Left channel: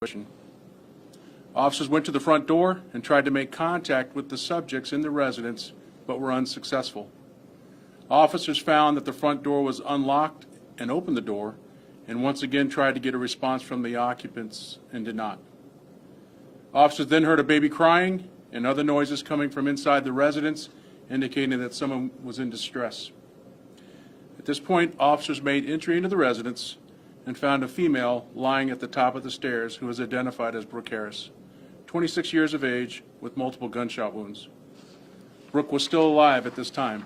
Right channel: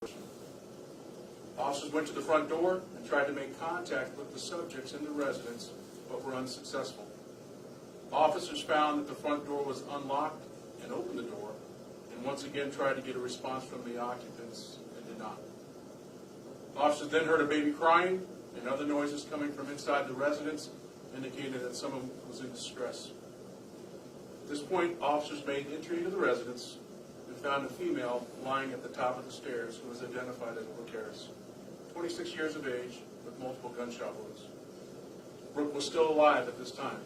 situation. Officers went to the front door and tried to make contact with the subjects in the residence, but were unsuccessful. Officers found that the front door was unlocked and opened the door, and once again tried to get a response from the occupants and did not. Officers then heard a baby crying and other noises coming from inside the residence, indicating that someone was in distress. At this point, officers made entry into the residence and found a female lying at the top of the stairs who was identified as Brooke Harris, 26 years of age, with multiple gunshot wounds. Brooke was still alive at this time.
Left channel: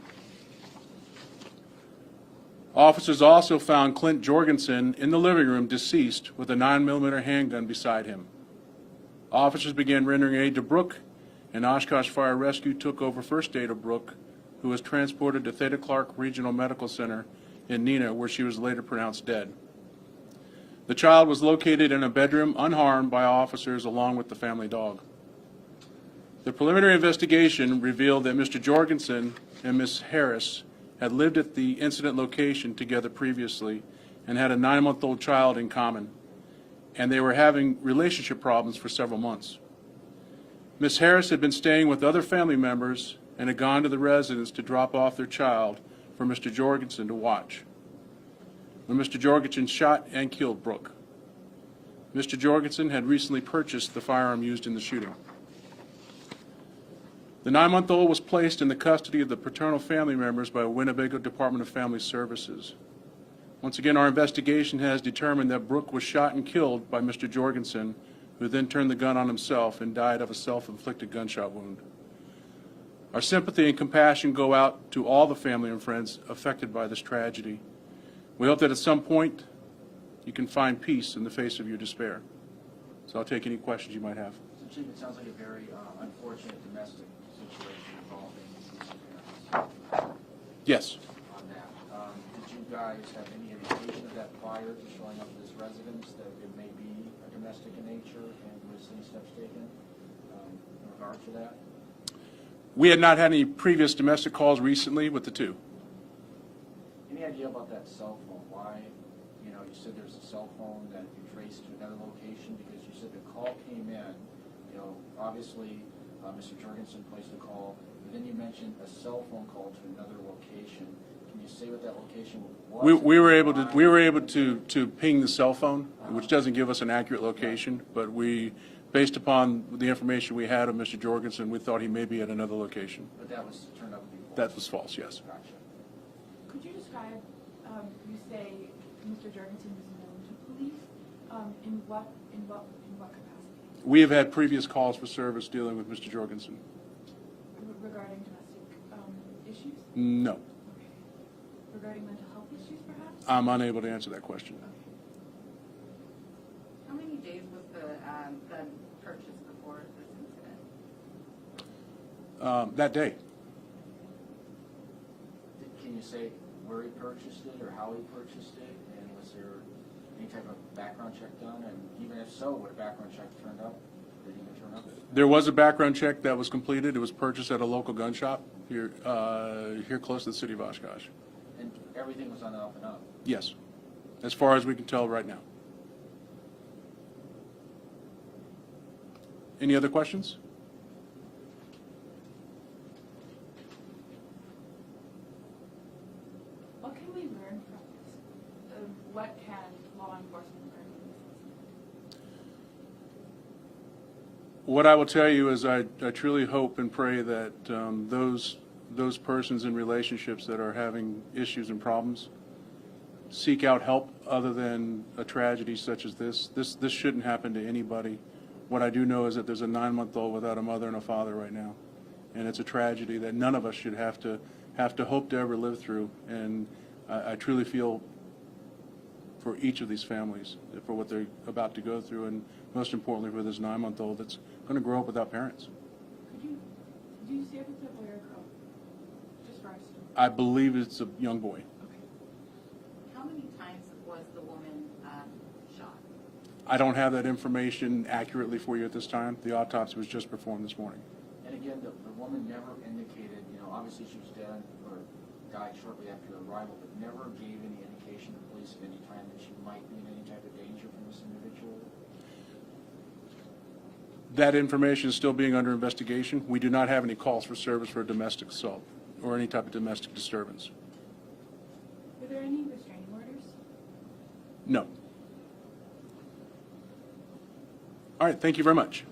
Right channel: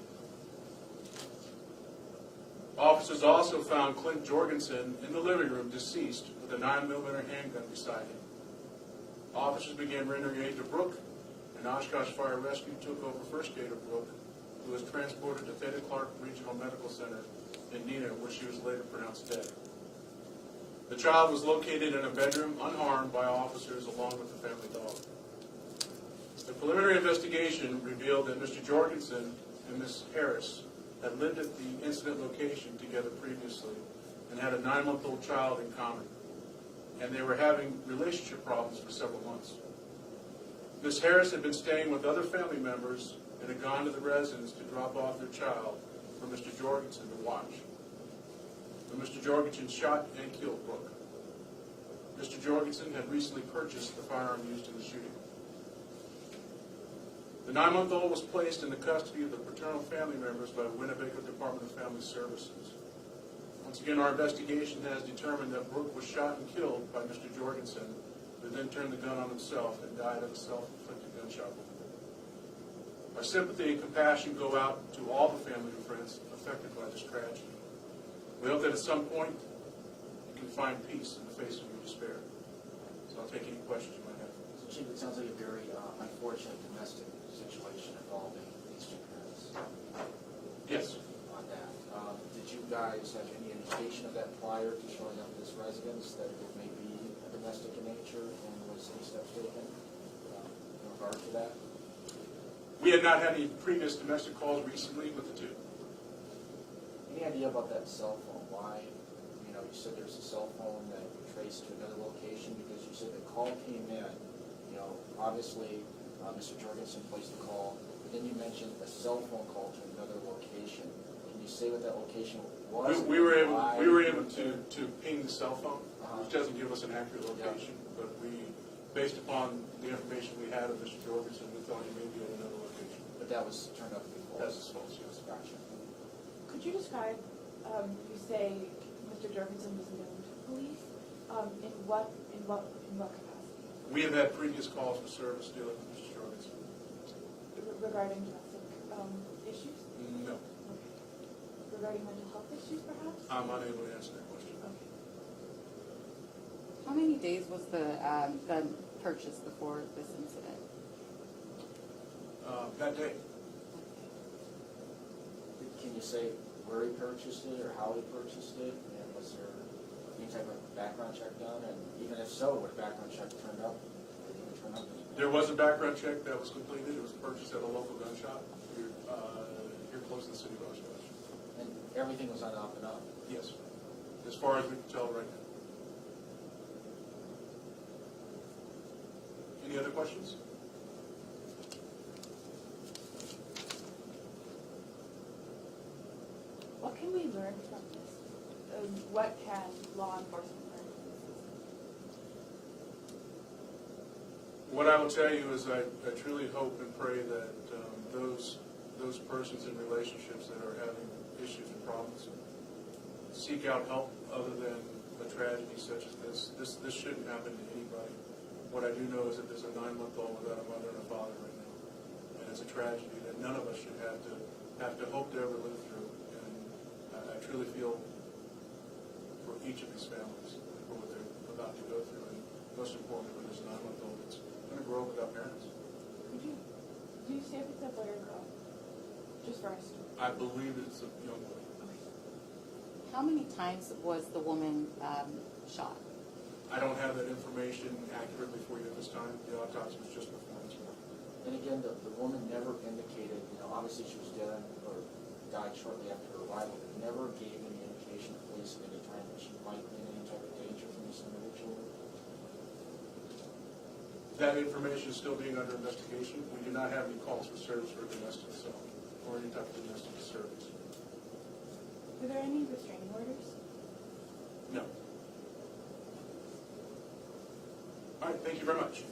Officers also found Clint Jorgensen in the living room deceased with a 9mm handgun beside him. Officers began rendering aid to Brooke, and Oshkosh Fire Rescue took over first aid of Brooke, who was transported to Theta Clark Regional Medical Center in Neenah, where she was later pronounced dead. The child was located in a bedroom unharmed by officers along with the family dog. The preliminary investigation revealed that Mr. Jorgensen and Ms. Harris had lived at the incident location together previously and had a 9-month-old child in common, and they were having relationship problems for several months. Ms. Harris had been staying with other family members and had gone to the residence to drop off their child for Mr. Jorgensen to watch, when Mr. Jorgensen shot and killed Brooke. Mr. Jorgensen had recently purchased the firearm used in the shooting. The 9-month-old was placed in the custody of the paternal family members by Winnebago Department of Family Services. Once again, our investigation has determined that Brooke was shot and killed by Mr. Jorgensen, who then turned the gun on himself and died of a self-inflicted gunshot wound. Our sympathy and compassion go out to all the family and friends affected by this tragedy. We hope that at some point you can find peace in the face of your despair. So I'll take any questions you might have. So, Chief, it sounds like a very unfortunate domestic situation involving these parents. Yes. On that, did you guys have any indication of that prior to showing up at this residence, that it may be domestic in nature, and was any steps taken in regard to that? We had not had any previous domestic calls recently with the two. Any idea about that cell phone? Why, you said there's a cell phone that you traced to another location, because you said the call came in, obviously Mr. Jorgensen placed the call, but then you mentioned a cell phone call to another location. Can you say what that location was? We were able to ping the cell phone, which doesn't give us an accurate location, but based upon the information we had of Mr. Jorgensen, we thought he may be at another location. But that was turned out to be false? That was false, yes. Gotcha. Could you describe, you say Mr. Jorgensen was known to police, in what capacity? We have had previous calls for service dealing with Mr. Jorgensen. Regarding domestic issues? No. Okay. Regarding mental health issues, perhaps? I'm unable to answer that question. Okay. How many days was the purchase before this incident? That day. Can you say where he purchased it or how he purchased it? And was there any type of background check done? And even if so, what background check turned up? Did he turn up? There was a background check that was completed. It was purchased at a local gun shop here close to the city of Oshkosh. And everything was on up and up? Yes, as far as we can tell right now. Any other questions? What can we learn from this? What can law enforcement learn from this incident? What I will tell you is I truly hope and pray that those persons in relationships that are having issues and problems seek out help other than a tragedy such as this. This shouldn't happen to anybody. What I do know is that there's a 9-month-old without a mother and a father right now, and it's a tragedy that none of us should have to hope to ever live through. And I truly feel for each of these families for what they're about to go through, and most importantly for this 9-month-old that's going to grow up without parents. Do you say if it's a boy or a girl? Just for us. I believe it's a young boy. Okay. How many times was the woman shot? I don't have that information accurately for you at this time. The autopsy was just performed this morning. And again, the woman never indicated, obviously she was dead or died shortly after her arrival, but never gave any indication to police at any time that she might be in any type of danger from this individual? That information is still being under investigation. We do not have any calls for service for domestic assault or any type of domestic disturbance. Were there any restraining orders? No. All right, thank you very much.